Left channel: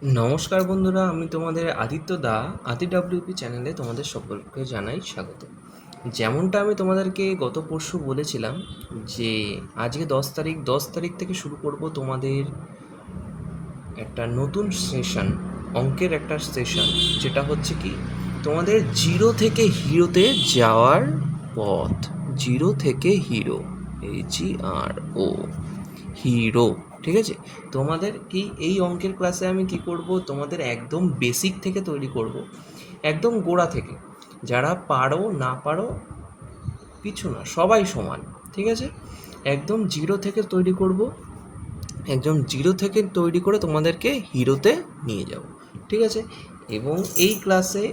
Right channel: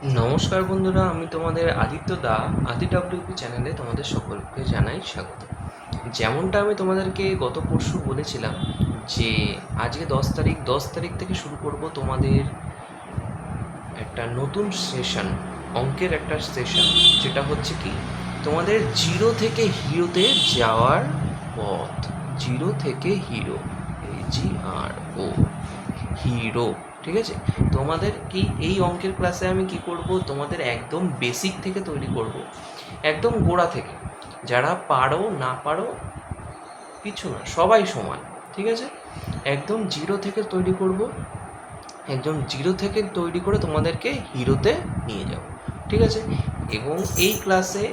নমস্কার বন্ধুরা, আমি তোমাদের আদিত্য দা। আদি ডাব্লিউপি চ্যানেলে তোমাদের সকলকে জানাই স্বাগত। যেমনটা আমি তোমাদেরকে গত পরশু বলেছিলাম যে আজকে 10 তারিখ থেকে শুরু করব তোমাদের একটা নতুন সেশন, অঙ্কের একটা সেশন, যেটা হচ্ছে কি তোমাদের জিরো থেকে হিরোতে যাওয়ার পথ। জিরো থেকে হিরো, HERO, হিরো। ঠিক আছে, তোমাদের কি এই অঙ্কের ক্লাসে আমি কি করব, তোমাদের একদম বেসিক থেকে তৈরি করব, একদম গোড়া থেকে। যারা পারো না পারো কিছু না, সবাই সমান। ঠিক আছে, একদম জিরো থেকে তৈরি করব, একদম জিরো থেকে তৈরি করে তোমাদেরকে হিরোতে নিয়ে যাব। ঠিক আছে, এবং এই ক্লাসে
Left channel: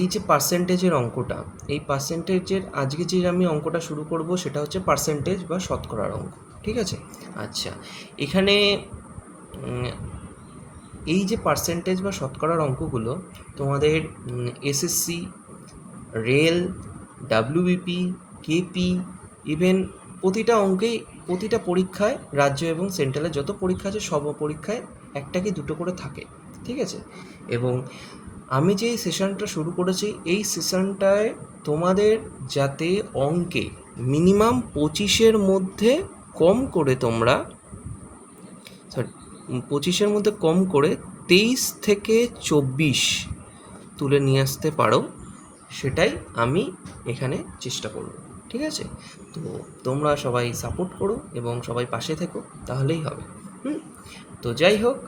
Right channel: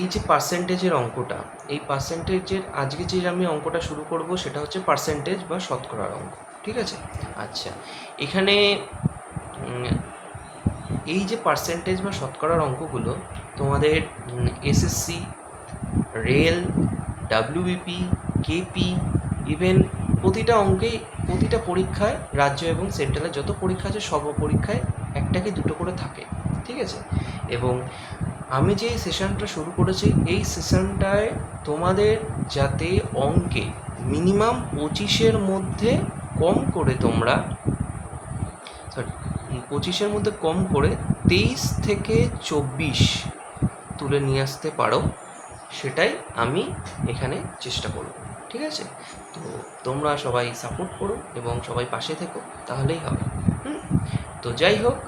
এই যে পার্সেন্টেজের অঙ্কটা, এই পার্সেন্টেজের আজকে যে আমি অঙ্কটা শুরু করব সেটা হচ্ছে পার্সেন্টেজ বা শতকরার অঙ্ক। ঠিক আছে, আচ্ছা, এখানে এই যে পার্সেন্টেজ বা শতকরার অঙ্কগুলো তোমাদের SSC, rail, WBP, KP, even প্রতিটা অঙ্কেই, প্রতিটা পরীক্ষায়, রাজ্য এবং সেন্ট্রালের যত পরীক্ষা আছে সব পরীক্ষায় একটা কি দুটো করে থাকে। ঠিক আছে, এবং আমি যে সেশনটা শুরু করেছি এই সেশনটায় তোমাদের যাতে অঙ্কে মিনিমাম 25-এর মধ্যে কম করে তোমরা, 25-এর মধ্যে কম করে 23 থেকে 24 তুলে নিয়ে আসতে পারো, সেটাই আমি এখানে চেষ্টা করব। ঠিক আছে, তো তোমরা সবাই সাপোর্ট করো এবং সবাই পাশে থেকো, তাহলেই হবে। তো যাই হোক,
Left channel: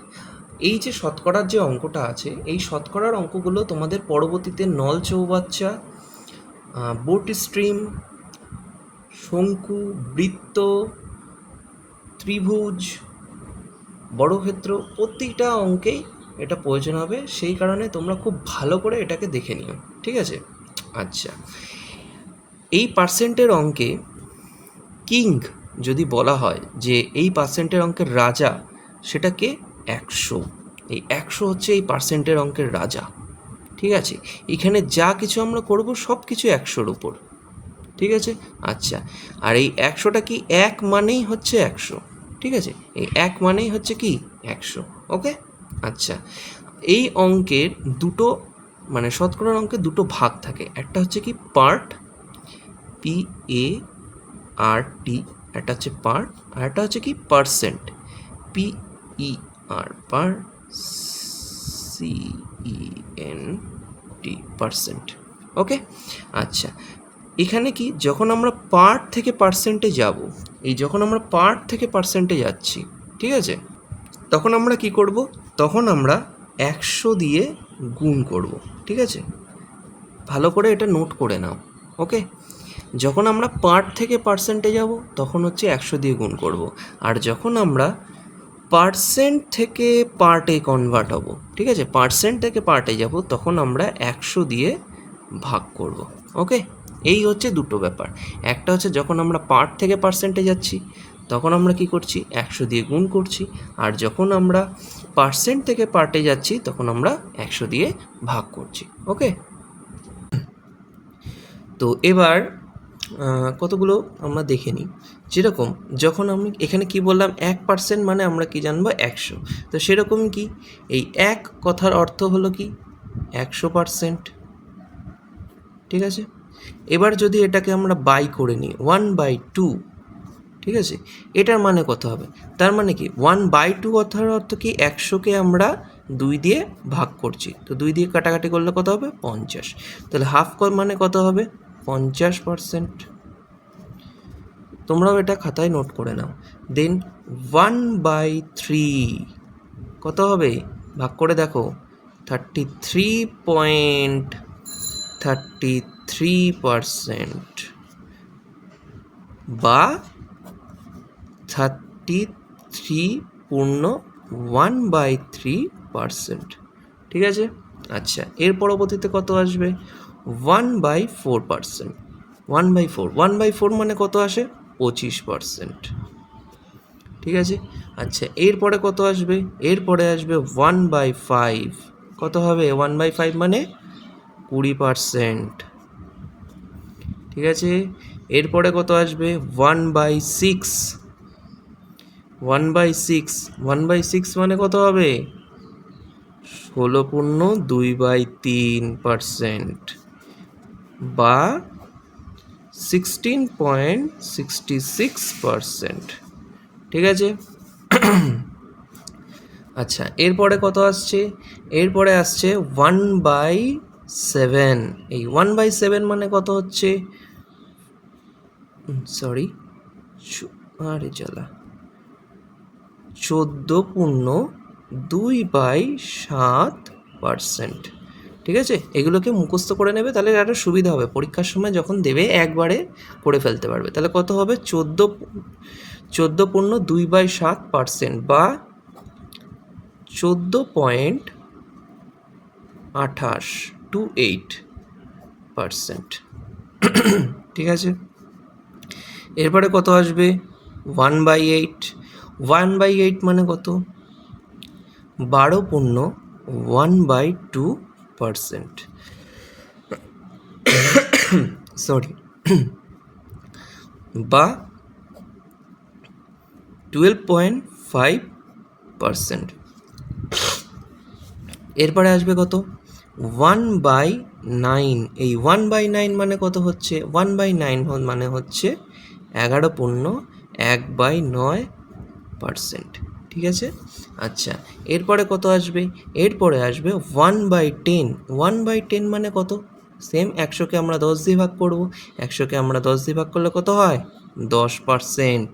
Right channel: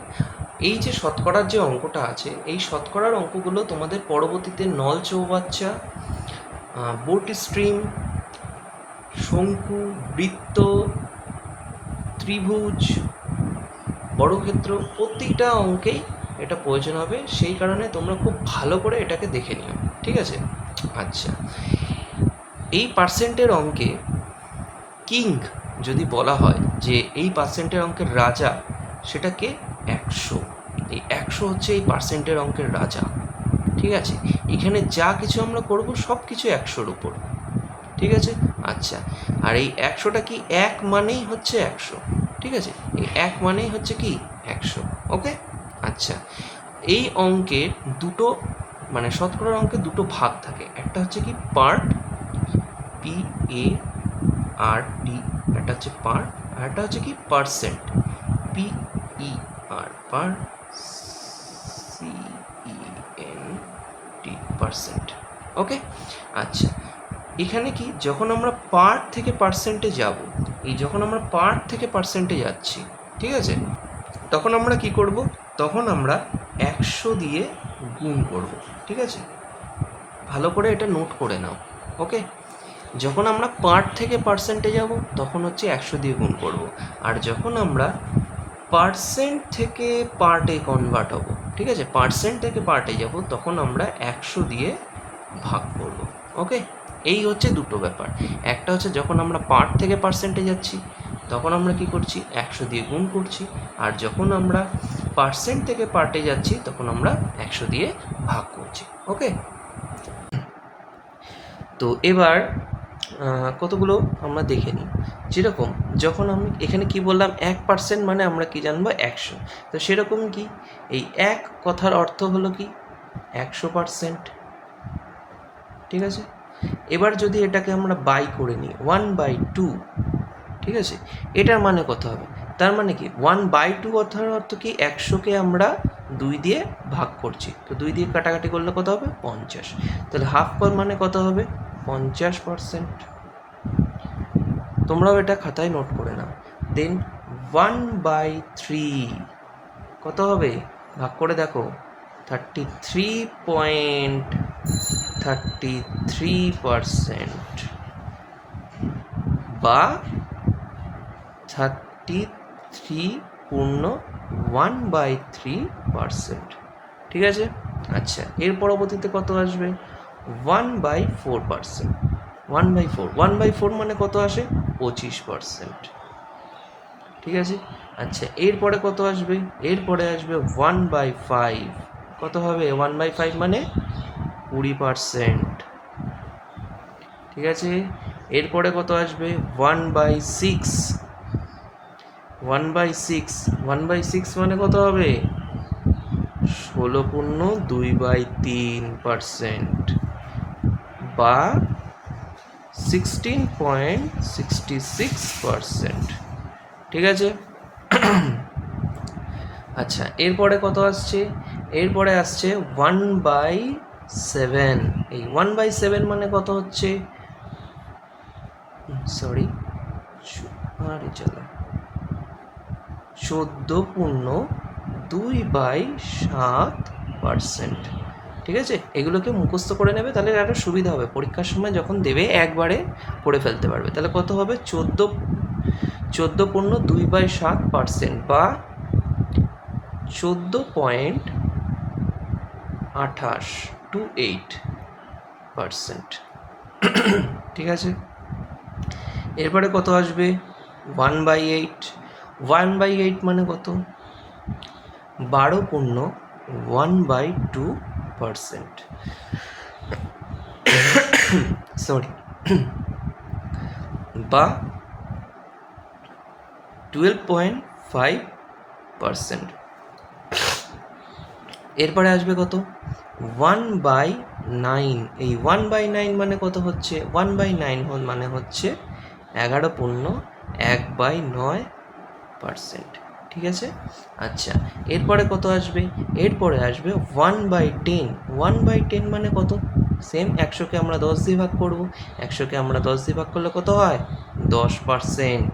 এই যে শতকরার যে অঙ্কটা আছে, এই শতকরার অঙ্কগুলো তোমাদের পরবর্তীতে নল চৌবাচ্চা, বোট স্ট্রিম, শঙ্কু, বৃত্ত, ত্রিভুজ, বর্গক্ষেত্র, প্রতিটা অঙ্কেই এটা প্রয়োজন হবে। সেই কারণে তোমরা খুব ভালো করে এটাকে দেখে নিও। ঠিক আছে, আচ্ছা, এই পার্সেন্টের অঙ্কে কিং যদি বলা হয় যে এই পার্সেন্টের অঙ্কের রাজা, সেটাকে 100। এই 100 হচ্ছে এই পার্সেন্টের অঙ্কের রাজা। ঠিক আছে, এখানে যা কিছু আমরা করবো সব কিছু 100-র উপর। ঠিক আছে, আচ্ছা, আর এই 100টা কি, এক মানেই হচ্ছে 100। ঠিক আছে, এই এক মানেই হচ্ছে কি 100। ওকে, আচ্ছা, এই অঙ্কের দুটো, মানে শতকরার অঙ্কের দুটো ভাগ থাকে। একটা হচ্ছে কি পার্ট, PART, একটা হচ্ছে পার্ট, আর একটা হচ্ছে কি পার্সেন্ট, PER, পার্সেন্ট। ওকে, আচ্ছা, এখানে কি যখন আমরা পার্ট থেকে পার্সেন্টে যাব, এই যখন আমরা পার্ট থেকে পার্সেন্টে যাচ্ছি, ঠিক আছে, তখন আমরা কি করব, তখন আমরা 100 দিয়ে গুণ করব। ঠিক আছে, ভালো করে এটা নোট করে নাও। ওকে, যখন আমরা পার্ট থেকে পার্সেন্টে যাব তখন হচ্ছে 100 দিয়ে গুণ করব, আর যখন আমরা পার্সেন্ট থেকে পার্টে কনভার্ট হব, ঠিক আছে, পার্সেন্ট থেকে পার্টে যাব, তখন আমরা 100 দিয়ে ভাগ করব। ওকে, এই হচ্ছে দুটো ব্যাপার। একটা হচ্ছে যখন আমরা পার্ট থেকে পার্সেন্টে যাচ্ছি তখন আমরা কি করছি, 100 দিয়ে গুণ করছি, আর যখন আমরা পার্সেন্ট থেকে পার্টে যাচ্ছি তখন আমরা 100 দিয়ে ভাগ করছি। ওকে, তো এবার কতগুলো আমরা দেখে নিই। যেরকম যখন আমি এখানে কি বললাম, 1% মানে আমরা কি জানবো, 100। তো সেরকম কি এই এক কথার অর্থ হলো কি 100%। ঠিক আছে, এবার যদি এটাকে আমরা বাই করে নিই 1/2, ঠিক আছে, এটার মানে কত হবে, তার মানে কি 1/2 কথার অর্থ কি 100কে আমরা 2 দিয়ে ভাগ করছি, তো 2 দিয়ে কাটাকাটি করলে কত হবে, 50। তাহলে হাফ কর মানে কত হবে, 50%। তোমরাও এটা খাতায় নোট করে নাও। দেন 1/3 কত হবে, ভাগ করে দেখো, 33.33% বা 33.1/3%। ঠিক আছে, আচ্ছা, এর পরবর্তীতে কত আসবে, 1/4%। 1/4 মানে কত আসে, 25%। ঠিক আছে, আচ্ছা, এরপরে কত আসবে, এরপরে আসবে 1/5। কত হবে, 1/5 মানে 20%। ঠিক আছে, এরপরে কত আসবে, 1/6। 1/6, 1/6 মানে কত হবে? 16.2/3% বা 16.66%। ঠিক আছে? আচ্ছা, এরপরে কত আসছে? এরপরে আসছে 1/7। এই 1/7 মানে কত হচ্ছে? সরি, আরে জ্বালা, 14.2/7%। ঠিক আছে, এগুলোকে মুখস্থ করে নেবে, তাহলে আরও সুবিধা হবে পরীক্ষার সময় যখন দেবে একবারে করে ফেলতে পারবে। তাহলে কত হবে? 14.2/7% বা 14.28%। ঠিক আছে, এরপরে কত আসবে? 1/8। 1/8 মানে কত? 12.1/2%। সরি, বা 12.5%। এরপরে আসবে কত? 1/9। এই 1/9 মানে কত হচ্ছে? 1/9 মানে হচ্ছে 11.1/9%। ঠিক আছে, আচ্ছা, এরপরে কত আসবে? এরপরে আসবে 1/10। 1/10 মানে কত? সেম, 100কে আমরা 10 দিয়ে ভাগ করবো। 100কে আমরা 10 দিয়ে ভাগ করলে কত হয়? 10%।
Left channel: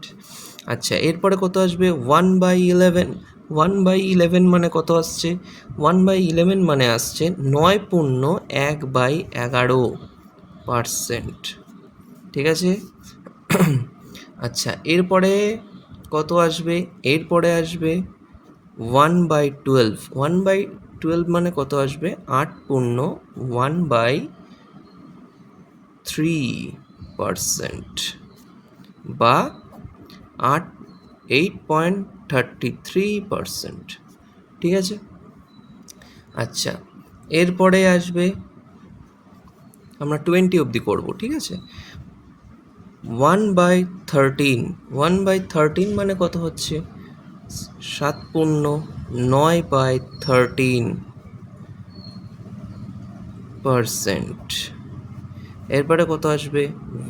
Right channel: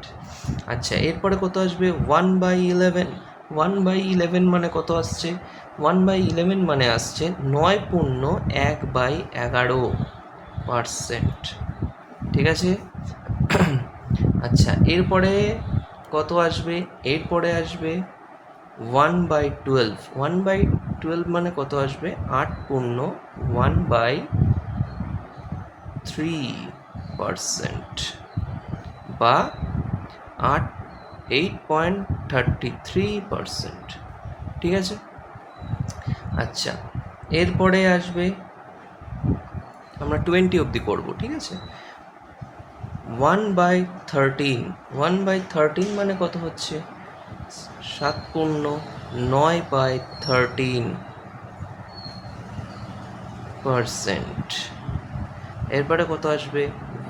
আচ্ছা, এরপরে কত আসবে? 1/11। 1/11 মানে কত আসছে? 1/11 মানে আসছে 9.1/11%। ঠিক আছে, আচ্ছা, এরপরে কত আসবে? এরপরে আসবে 1/12। 1/12 মানে কত আসবে? 8.1/3% বা 8.33%। ঠিক আছে, আচ্ছা, এরপরে আসবে, আমরা 20 অবধি করবো। ঠিক আছে, 1/13। 1/13 মানে কত হচ্ছে? 7.9/13%। এরপরে কত আসবে?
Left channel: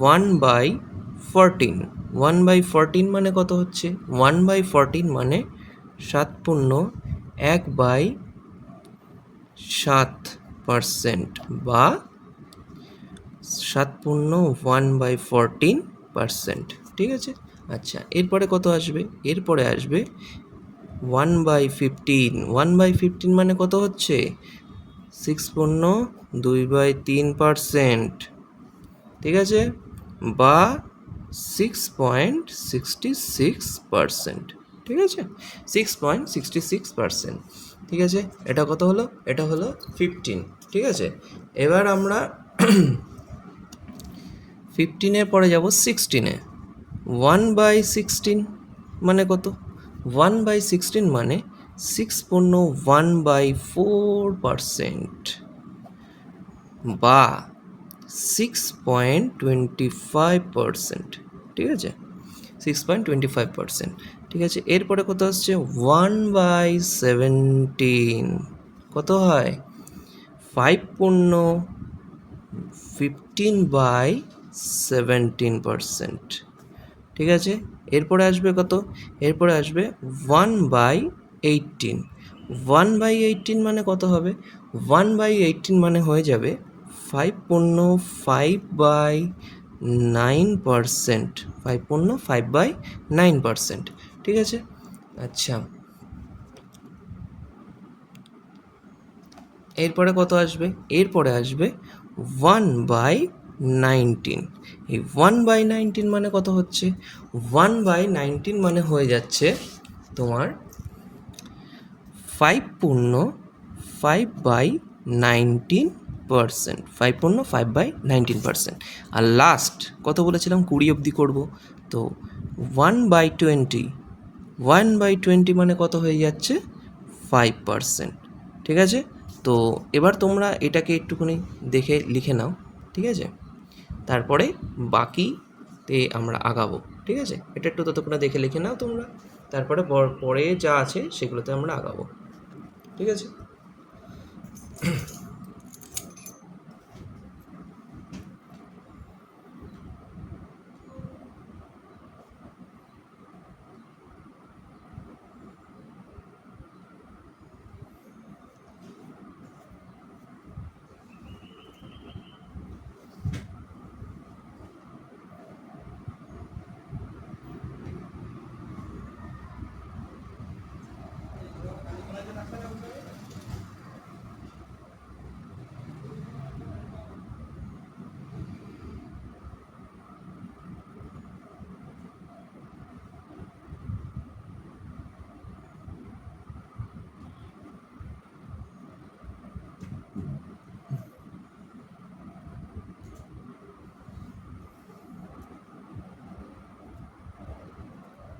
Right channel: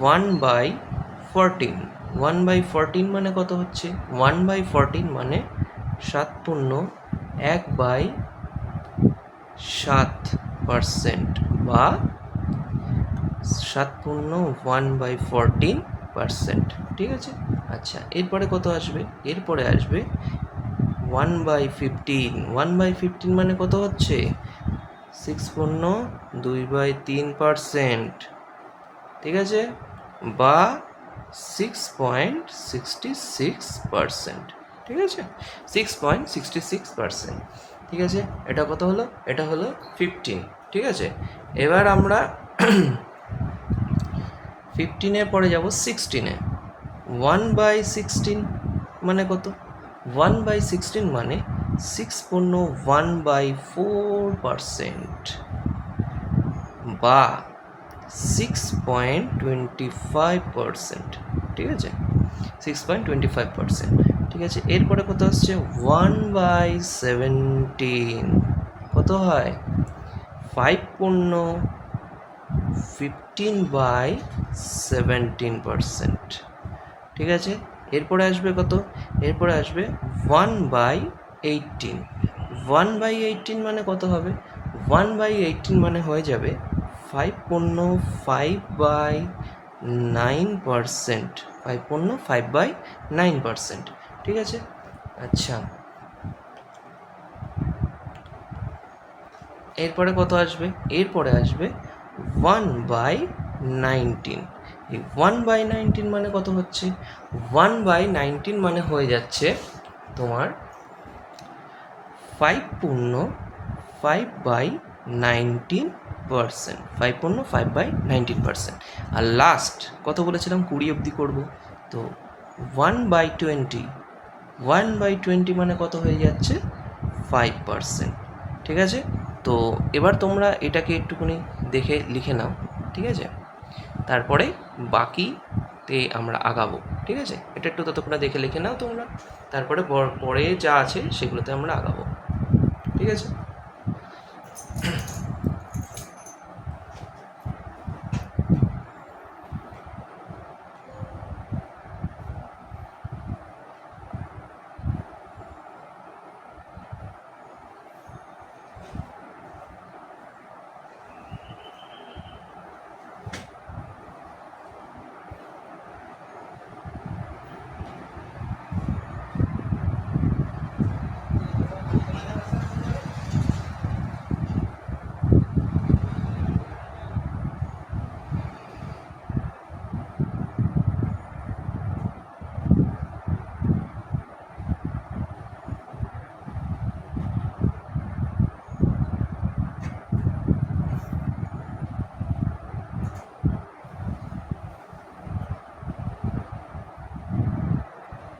1/14। 1/14 মানে কত হচ্ছে? 1/14 মানে 7.1/7% বা 7.1/14%। ঠিক আছে, আচ্ছা, এরপরে কত আসবে? এরপরে আসবে 1/15। 1/15 মানে কত হচ্ছে? 6.2/3%। ঠিক আছে, বা 6.66%। ঠিক আছে, 6.66%। ঠিক আছে, এটা কত হলো? এটা হলো 15। ঠিক আছে, এবার আমরা 15-এর পরে যাব 16-এ। 1/16 মানে কত? 1/16 মানে 6.1/4% বা 6.25%। ঠিক আছে, 6.25%। ঠিক আছে, এরপরে কত আসছে? 1/17 কত হয়? 5.15/17%। ঠিক আছে, এরপরে আসবে কত? এরপরে আসবে 1/18। 1/18 মানে কত হবে? 1/18 মানে হয়ে যাবে 5.5/9%। 5.5/9%। ঠিক আছে, আচ্ছা, এরপরে কত আসবে? এরপরে আসবে 1/19। এই 1/19 মানে কত হচ্ছে? 1/19 মানে হয়ে যাচ্ছে তোমার 5.5/19%। 5.5/19%। আর লাস্ট কত বলেছিলাম? 20 অবধি করবো। তো 1/20। 1/20 মানে কত হয়ে যাচ্ছে? 5%। ঠিক আছে, তো এবার তোমরা এটাকে একটুখানি দেখে লিখে নাও। ঠিক আছে, তারপরে বাকি তে আমরা আগাবো। ঠিক আছে, এটা একটু ততক্ষণ দেখে লিখে নাও তোমরা, তারপরে পরে যা আছে সেগুলোতে আমরা আগাবো। ঠিক আছে।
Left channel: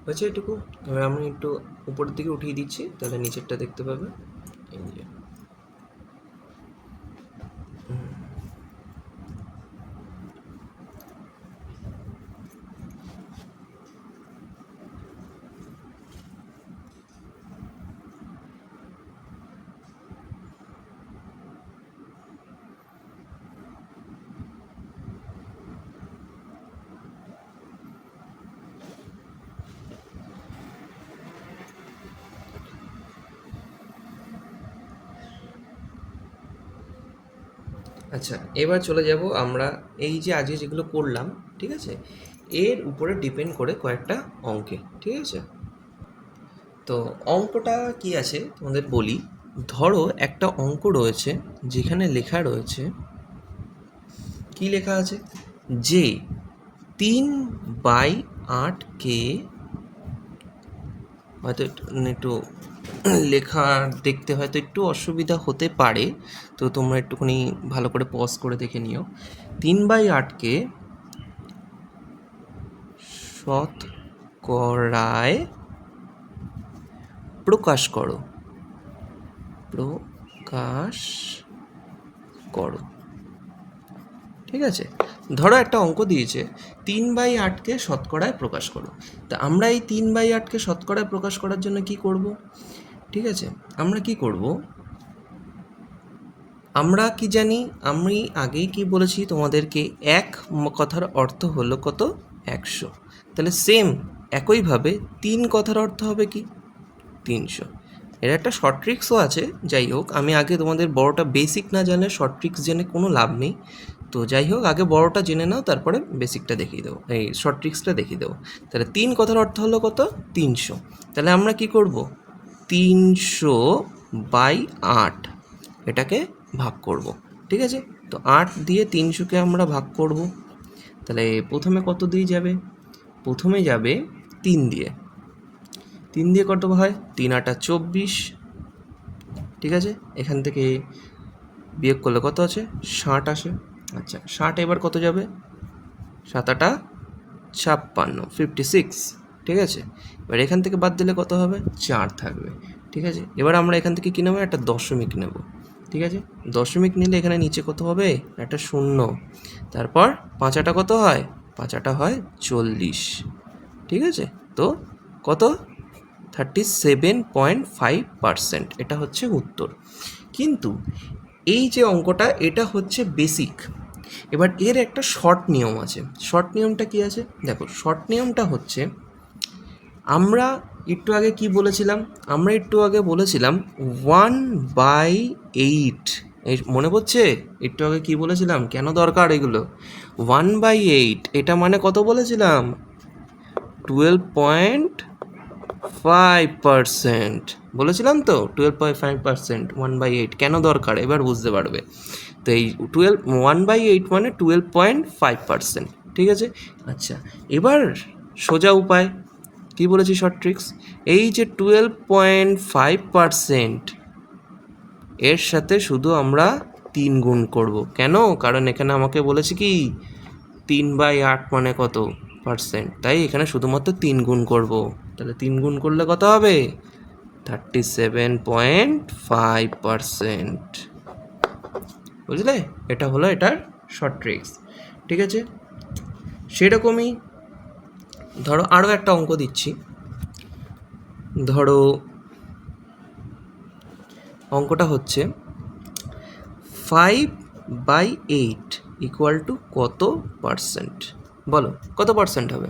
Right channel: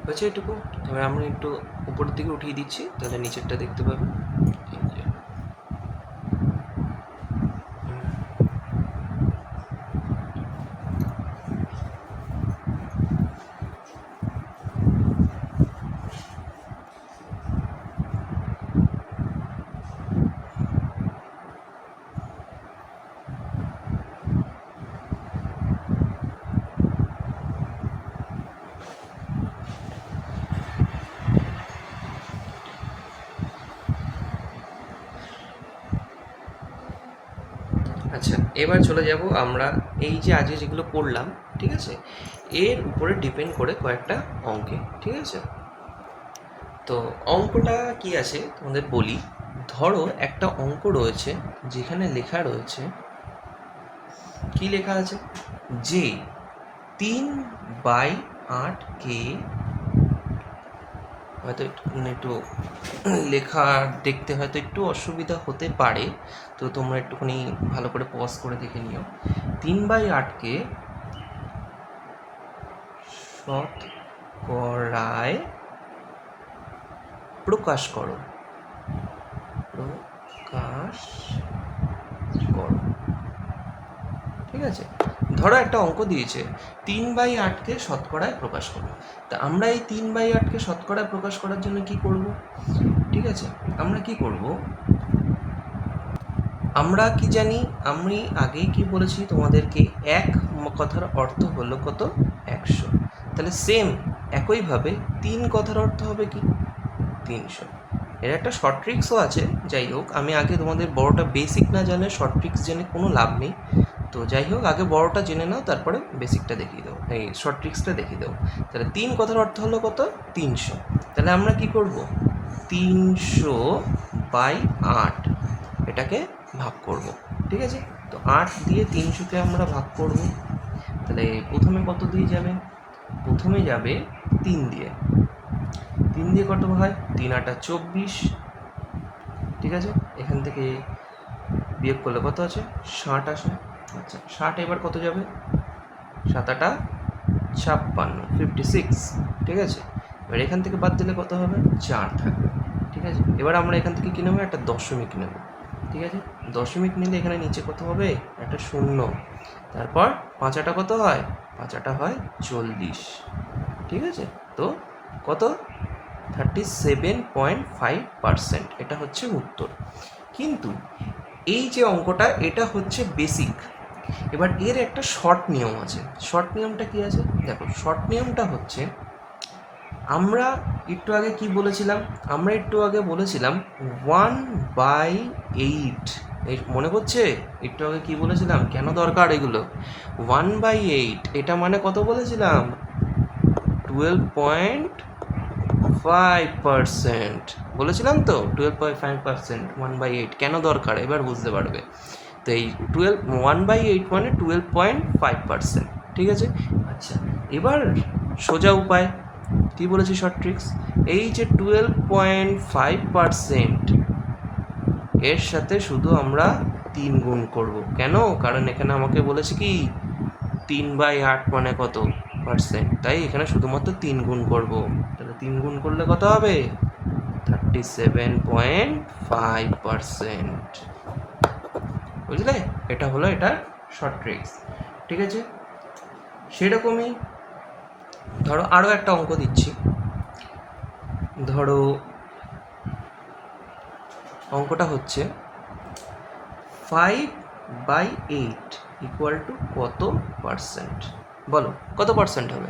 হচ্ছে এটুকু। এবার আমি একটু উপরের দিকে উঠিয়ে দিচ্ছি, তাহলে নিচেরটা দেখতে পাবে। এই যে। আচ্ছা, এবার চলে যাব আমরা এই যে আজকে যেগুলো করলাম, ঠিক আছে, এর উপরে ডিপেন্ড করে কয়েকটা অঙ্কে। ঠিক আছে, তো অঙ্কটা কি আছে তোমাদের বলি। ধরো একটা অঙ্ক রয়েছে যেখানে লেখা রয়েছে, কি লেখা আছে, যে 3/8কে, হয়তো একটু লেখা দেখতে হয়তো একটু অসুবিধা হতে পারে, তো তোমরা একটুখানি ভালো করে পজ করে দেখে নিও। 3/8কে শতকরায় প্রকাশ করো, প্রকাশ করো। ঠিক আছে, ধরো একটা অঙ্ক দিয়েছে 3/8কে শতকরায় প্রকাশ করো। তা আমরা এই 3/8কে শতকরায় প্রকাশ করার জন্য কি করব? ঠিক আছে, আমরা কি করব, আমরা কি জানি, আমি আগেই কি বলেছি তোমাদেরকে, এক কথার অর্থ হলো কত, 100। তাহলে সেম একইভাবে 3 কথার অর্থ হবে কি, 300। এর একটা শর্ট ট্রিক্সও আছে, যাই হোক আমি আগে তোমাদের বড়টা বেসিক না জানলে শর্ট ট্রিক্স জেনে কোনো লাভ নেই। তো যাই হোক আগে বড়টা জেনে নাও, তারপরে বেসিকটা দেখিয়ে দেবো, এই শর্ট ট্রিক্সটা দেখিয়ে দেবো। তাহলে 3 কথার অর্থ হলো কত, 300। তাহলে আমরা কি করব, 300/8 এটাকে ভাগ করব। ঠিক আছে, তো 8 দিয়ে 300কে আমরা ভাগ করব। তাহলে প্রথমে কত দিয়ে যাবে, প্রথমে যাবে 3 দিয়ে। 3 দিয়ে কত হয়, 3 × 8 = 24। ঠিক আছে, এখান থেকে বিয়োগ করলে কত আছে, 60 আসে। আচ্ছা, 60 এবার কত যাবে, 7 × 8 = 56। ঠিক আছে, এবার এখান থেকে বাদ দিলে কত হবে, 4 থাকবে। ঠিক আছে, এবার আমরা এখান থেকে কী নেবো, একটা দশমিক নেব। ঠিক আছে, দশমিক নিলে এখানে নিচে কত হবে, একটা 0। তারপর 5 কত হয়, 5 হয় 40। ঠিক আছে, তো কত, 37.5%, এটা হচ্ছে উত্তর। কিন্তু এই যে অঙ্কটা, এটা হচ্ছে বেসিক। এবার এর একটা শর্ট নিয়ম আছে। শর্ট নিয়মটা কি আছে দেখো, শর্ট নিয়মটা হচ্ছে, আমরা একটু আগে কি বলেছিলাম, আমরা একটু আগে বলেছিলাম 1/8। এই মনে পড়ছে একটু আগে কি বলেছিলাম, কেন দরকার এগুলো, 1/8 এটা মানে কত বলেছিলাম, 12.5% বলেছিলাম তো, 12.5%, 1/8 কেন দরকার এবার বুঝতে পারবে। তো এই 1/8 মানে 12.5%। ঠিক আছে, আচ্ছা এবার সোজা উপায় কি বলেছি, শর্ট ট্রিক্স, এই যে 12.5% এর সাথে শুধু আমরা 3 গুণ করব। কেন, কারণ এখানে আমাকে বলেছে কি 3/8 মানে কত পার্সেন্ট, তাই এখানে শুধুমাত্র 3 গুণ করব। তাহলে 3 গুণ করলে কত হবে, 37.5%। বুঝলে, এটা হলো এটার শর্ট ট্রিক্স। ঠিক আছে, সেরকমই ধরো আরও একটা অঙ্ক দিচ্ছি। ধরো অঙ্কটা হচ্ছে 5/8 ইকুয়াল টু কত পার্সেন্ট? বলো কত পার্সেন্ট হবে?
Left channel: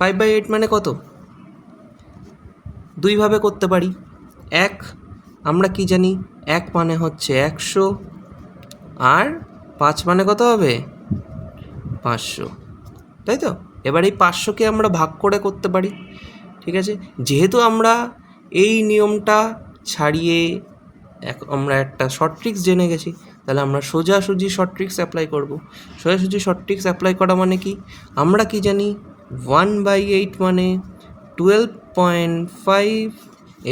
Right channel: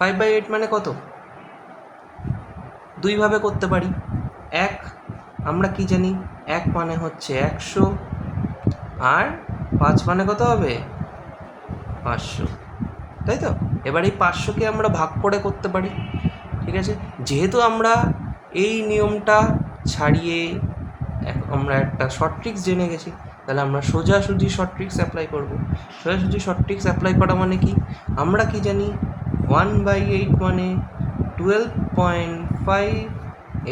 5/8 মানে কত? দুইভাবে করতে পারি। এক, আমরা কি জানি, 1 মানে হচ্ছে 100, আর 5 মানে কত হবে? 500, তাই তো? এবার এই 500কে আমরা ভাগ করে করতে পারি, ঠিক আছে? যেহেতু আমরা এই নিয়মটা ছাড়িয়ে আমরা একটা শর্ট ট্রিক্স জেনে গেছি, তাহলে আমরা সোজাসুজি শর্ট ট্রিক্স অ্যাপ্লাই করব। সোজাসুজি শর্ট ট্রিক্স অ্যাপ্লাই করা মানে কি? আমরা কি জানি 1/8 মানে 12.5,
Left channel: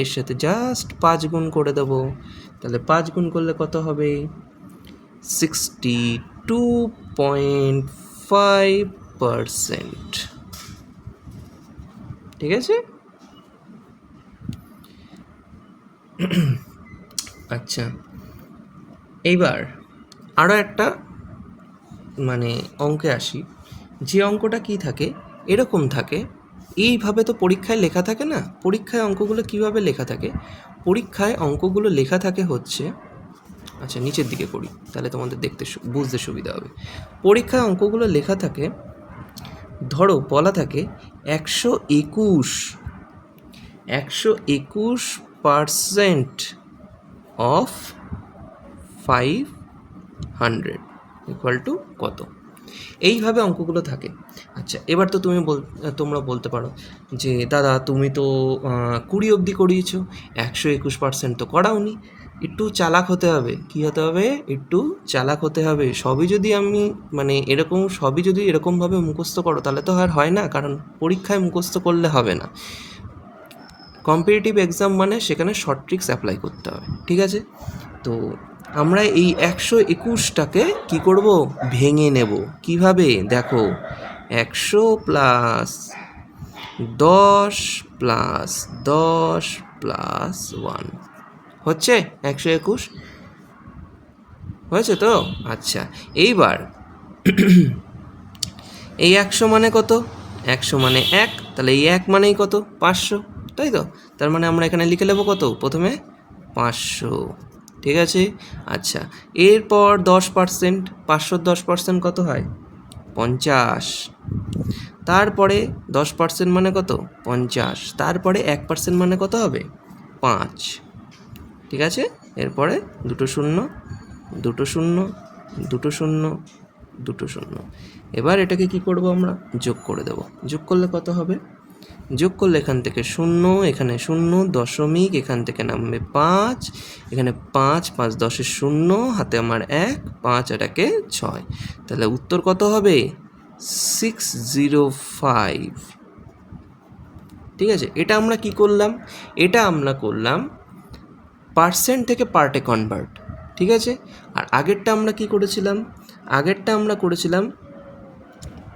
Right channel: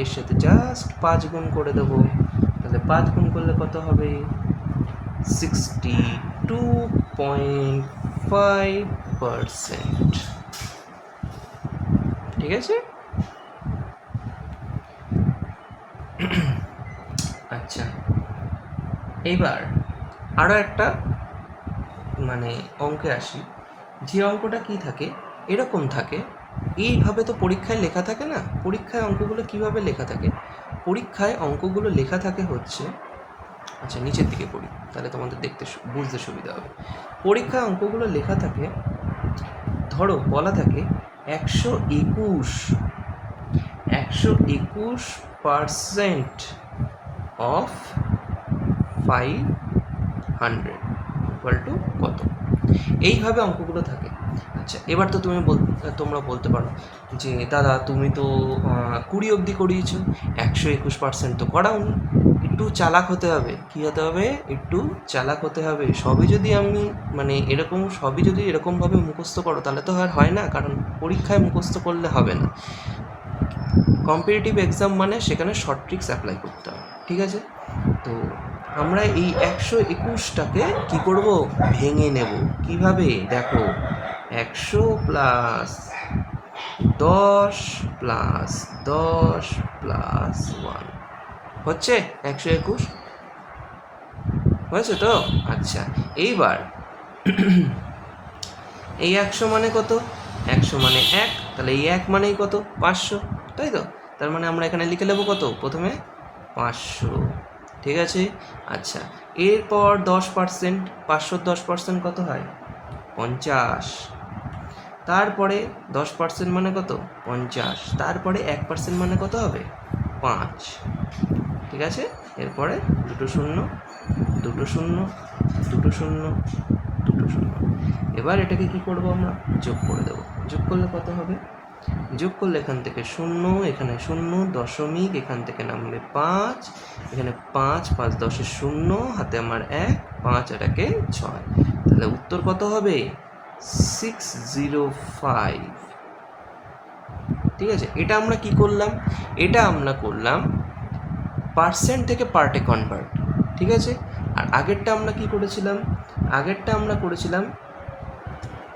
এর সাথে জাস্ট 5 গুণ করে দেবো। তাহলে 5 গুণ করলে কত হবে? 62.5%। ঠিক আছে? আচ্ছা, এইবার আরও একটা মানে অঙ্কে আসি। যে অঙ্কটা কি থাকে, এরকম থাকে, এইভাবে তো পরীক্ষায় লেখা থাকে না। পরীক্ষায় অঙ্কগুলো কিভাবে লেখা থাকে? পরীক্ষায় অঙ্কগুলো লেখা থাকে হচ্ছে, আচ্ছা নিচের দিকে করি তাহলে তোমাদের দেখতে বুঝতে সুবিধা হবে। পরীক্ষায় অঙ্কগুলো লেখা থাকে, ধরো বলা থাকে 121% অফ 500 ইকুয়াল টু কত? এইভাবে অঙ্কগুলো থাকে। আচ্ছা, এবার তো তোমরা বলতে পারো যে দাদা তুমি তো 20 অবধি করিয়েছো, 121% তো করাওনি। একটু চালাক হতে হবে। কী হতে হবে? একটু চালাক হতে হবে। সবই যদি এরকমভাবে মুখস্থ করো তাহলে তো আর হয় না, কারণ পরীক্ষায় মুখস্থ করলে হবে না। কম্পিটিটিভ এক্সাম মানে সেখানে শর্ট ট্রিক্স অ্যাপ্লাই করতে হবে, ঠিক আছে? তো আমরা এই 121টাকে কী করব? ভেঙে নেব। কিভাবে? দেখো, 100 প্লাস 10 প্লাস 10 প্লাস 1 হচ্ছে 121, হয়েছে তো? আচ্ছা, এইবার এই 100 মানে কত? 100 মানে 1, তাহলে এই 1 মানেই কত? 500, তাই তো? তার মানে আমরা এখানে লিখে নেবো কত? প্রথমে 500, ঠিক আছে? আচ্ছা, এরপর 10%, 500 10% কত হয়? 50। তারপরে 10% মানে কত? 50। তারপরে 1% মানে কত হবে? 5, ঠিক আছে? এরপরে 2 শূন্য 2 শূন্য 2 শূন্য 2 শূন্য। এবার এটাকে কি করব? আমরা যোগ করে দেব। যোগ করলে কত হবে? যোগ করলে এখান থেকে 0, এখানে 0, দশমিক, এখান থেকে নামবে 5, এখানে 5, 5 10 0, হাতে আমার 1, 5 আর 1 6। তাহলে উত্তর কত হবে? 605। ঠিক আছে? এটা আমরা কি করলাম? এটা আমরা করলাম পার্সেন্ট থেকে পার্টে কনভার্ট, ঠিক আছে? আর আগেরটা আমরা কি করেছিলাম? আগেরটা আমরা করেছিলাম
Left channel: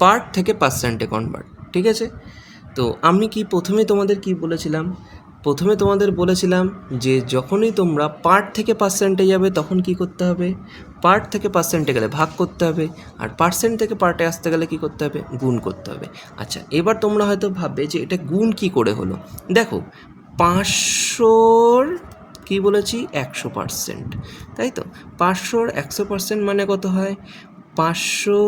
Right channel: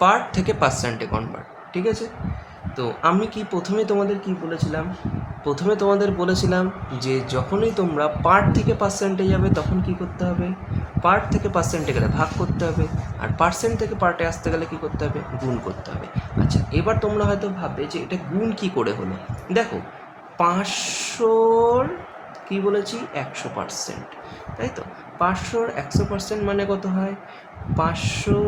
পার্ট থেকে পার্সেন্টে কনভার্ট, ঠিক আছে? তো আমি প্রথমে তোমাদের কি বলেছিলাম? প্রথমে তোমাদের বলেছিলাম যে যখনই তোমরা পার্ট থেকে পার্সেন্টে যাবে তখন কি করতে হবে? পার্ট থেকে পার্সেন্টে গেলে ভাগ করতে হবে, আর পার্সেন্ট থেকে পার্টে আসতে গেলে কি করতে হবে? গুণ করতে হবে। আচ্ছা, এবার তোমরা হয়তো ভাববে যে এটা গুণ কি করে হলো? দেখো, 500-র কী বলেছি? 100%, তাই তো? 500-র 100% মানে কত হয়? 500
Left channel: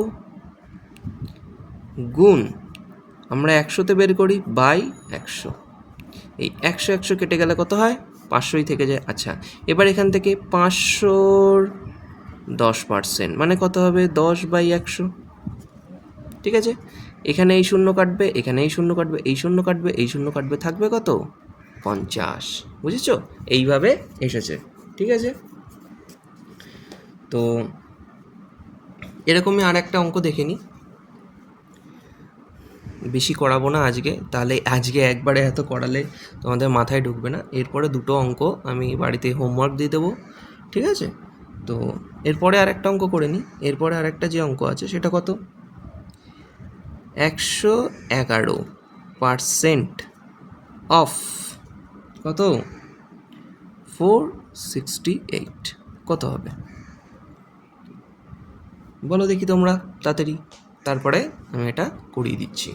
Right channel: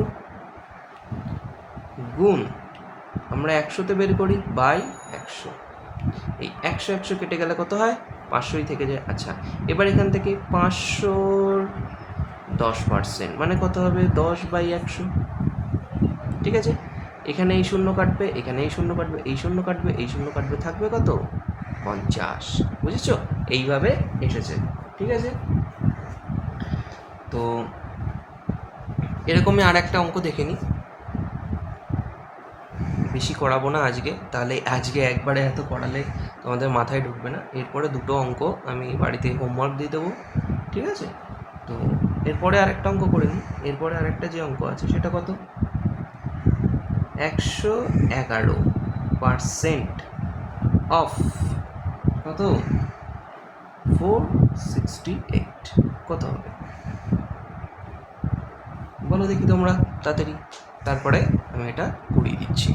গুণ, আমরা 100তে বের করি বাই 100। এই 100 100 কেটে গেলে কত হয়? 500ই থেকে যায়। আচ্ছা, এবার এখান থেকে 500-র 10% মানে কত হবে? 10/100, ঠিক আছে? এখানে এই শূন্য কাটবে, এখানে এই শূন্য কাটবে, এই শূন্য কাটবে, এই শূন্য কাটবে, থাকবে কত? 50। বুঝেছ? এইভাবে এসেছে, ঠিক আছে? তো এরকমই আর একটা অঙ্ক দেখে নিই। বেশি করাবো না আজকে, তাহলে আজকে একবারে এত করালে তোমাদের মাথায় ঢুকবে না। এরপরে 2টো অঙ্ক আমি বাড়িতে হোমওয়ার্ক দিয়ে দেবো, ঠিক আছে? তো এরপরে আরেকটা অঙ্ক করে নিই। এরপরে আরেকটা যে অঙ্ক আছে সেটা কত? 111% অফ কত? 468 কত হবে? বলো দেখি তোমরা তাড়াতাড়ি, তারপরে আমি এটা করিয়ে দিচ্ছি।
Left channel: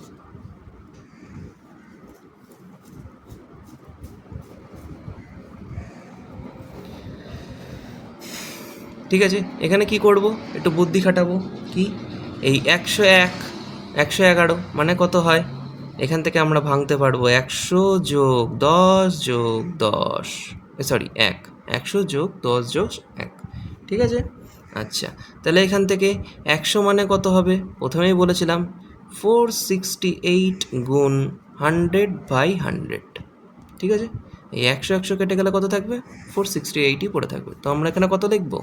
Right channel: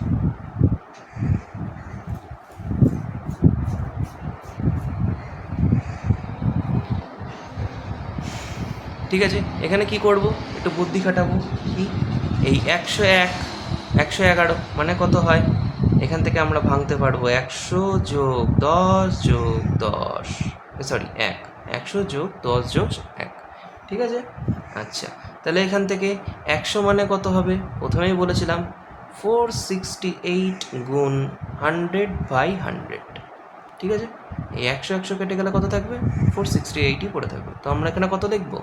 ঠিক আছে, এখানে কি করব, একটু বুদ্ধি খাটাবো। কি, এই 101 111 মানে কত হয়, এখান থেকে আমরা ভাঙতে পারবো 100 যোগ 10 যোগ 10, সরি 100 যোগ 10 যোগ 1, ঠিক আছে। আচ্ছা, তাহলে এখান থেকে 100 মানে কত হবে, প্রথমেই বলেছিলাম 468 গুণ 100/100, ঠিক আছে। এই 100 কেটে গেলে কত থাকবে, 468ই পড়ে থাকবে। তো আমরা এখানে কত লিখব,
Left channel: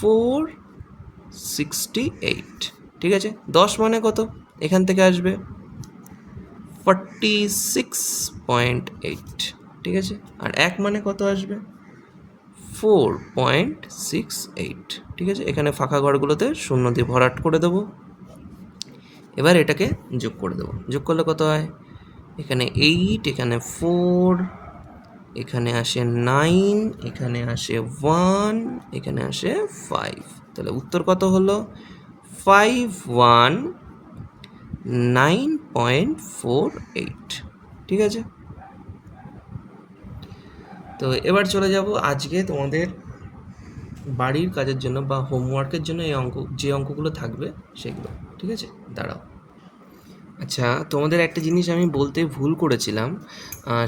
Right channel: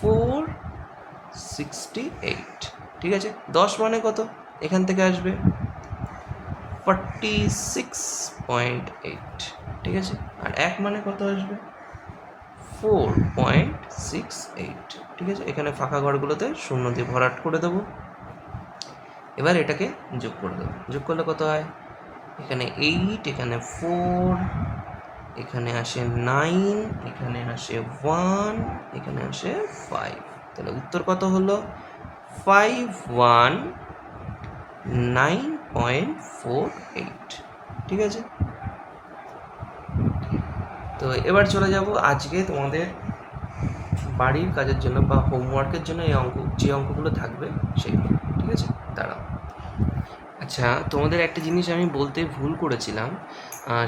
468, ঠিক আছে। 10 মানে কত, এখান থেকে আসবে 46.8, ঠিক আছে। আর 1 মানে কত আসবে, 4.68, ঠিক আছে। এখানে ফাঁকা ঘরগুলোতে শূন্য দিয়ে ভরাট করে দেবো। এবার এটাকে যোগ করে দেবো, যোগ করলে কত হয়, এখানে 8, এখানে 4, এখানে আসে 9, এখানে আসে 1, এখানে আসে 5, তাহলে উত্তর কত হলো, 519.48, ঠিক আছে। তো এবার চলে যাব আজকে তোমাদের বাড়ির কাজের জন্য বা হোমওয়ার্কের জন্য এই যে অঙ্কগুলো থাকবে সেগুলো, ঠিক আছে। দাঁড়াও, আচ্ছা তোমাদের একটা জিনিস আমি বলতে ভুল করেছিলাম,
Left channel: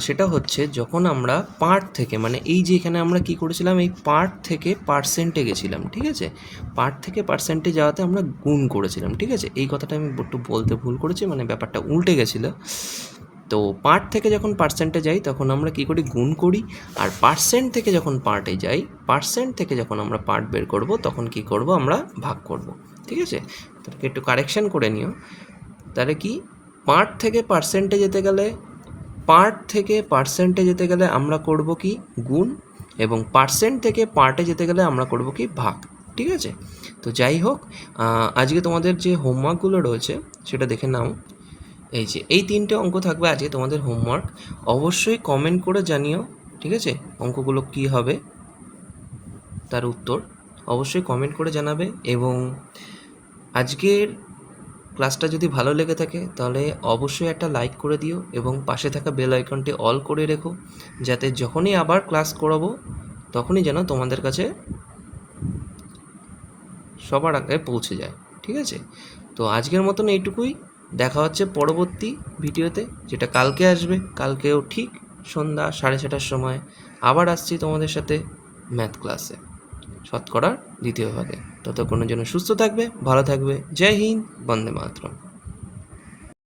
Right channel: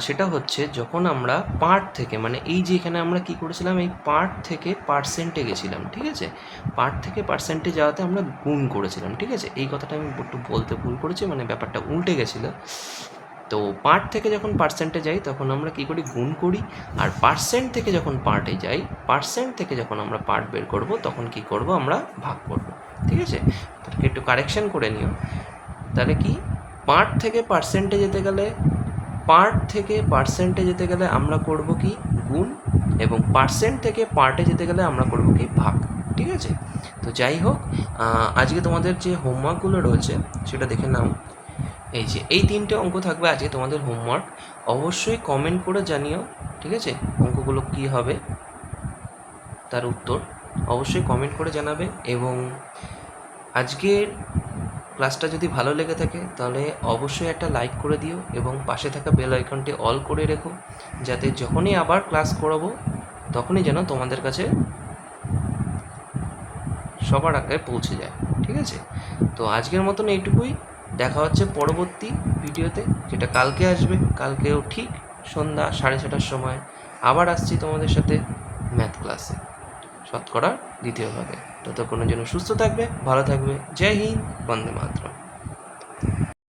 সেটা হচ্ছে যখন আমরা পার্ট থেকে, মানে এই যে এখানে আমরা কি করেছিলাম, এই পার্ট থেকে পার্সেন্টে গেছিলাম, ঠিক আছে। পার্ট থেকে পার্সেন্টে যাওয়াতে আমরা গুণ করেছিলাম, ঠিক আছে। এই কথাটা আমি একটু বলতে ভুল করেছি, মানে ব্যাপারটা উল্টে গেছিলো। তো পার্ট থেকে যখন পার্সেন্টে যাই তখন আমরা কী করি, গুণ করি। আর পার্সেন্ট থেকে যখন পার্টে যাই, পার্সেন্ট থেকে যখন আমরা পার্ট বের করব তখন কি করব, আমরা ভাগ করব, ঠিক আছে। তাদেরকে একটু কারেকশান করে নিও। তাহলে কি, পার্ট থেকে পার্সেন্টে যেতে গেলে, পার্ট থেকে পার্সেন্টে যেতে গেলে আমরা করব কি, গুণ, এবং পার্সেন্ট থেকে পার্টে যেতে গেলে আমরা করব কি, ভাগ, ঠিক আছে। তো যাই হোক, আজকে তোমাদের যে হোমওয়ার্কগুলো রয়েছে সেটা দেখে নাও। এই যে এই 3টে অঙ্ক থাকবে আজকে তোমাদের হোমওয়ার্ক। অবশ্যই কমেন্ট করে জানিও, ঠিক আছে, অঙ্কগুলো কী হবে তার উত্তর অবশ্যই কমেন্ট করে জানাবে। এবং আজকের ক্লাসটা যদি ভালো লেগে থাকে তাহলে অবশ্যই একটা লাইক করে দিও এবং পাশে থাকা বেল আইকনটি অল করে রেখো, যাতে যখনই আবার ক্লাস করাবো তখনই যেন তোমাদের কাছে সবার আগে পৌঁছে যায়, ঠিক আছে। তো আজকের মতন এইটুকুই, দেখা হচ্ছে পরবর্তী ভিডিওতে, যেটা কালকে আসবে। কালকেও ঠিক সন্ধ্যা 6:30টার সময় আবার আসছি তোমাদের সাথে ম্যাথ ক্লাসে, শতকরার দ্বিতীয় ভাগে। ততক্ষণের জন্য সুস্থ থাকবে, ভালো থাকবে। জয় হিন্দ, বন্দে মাতরম।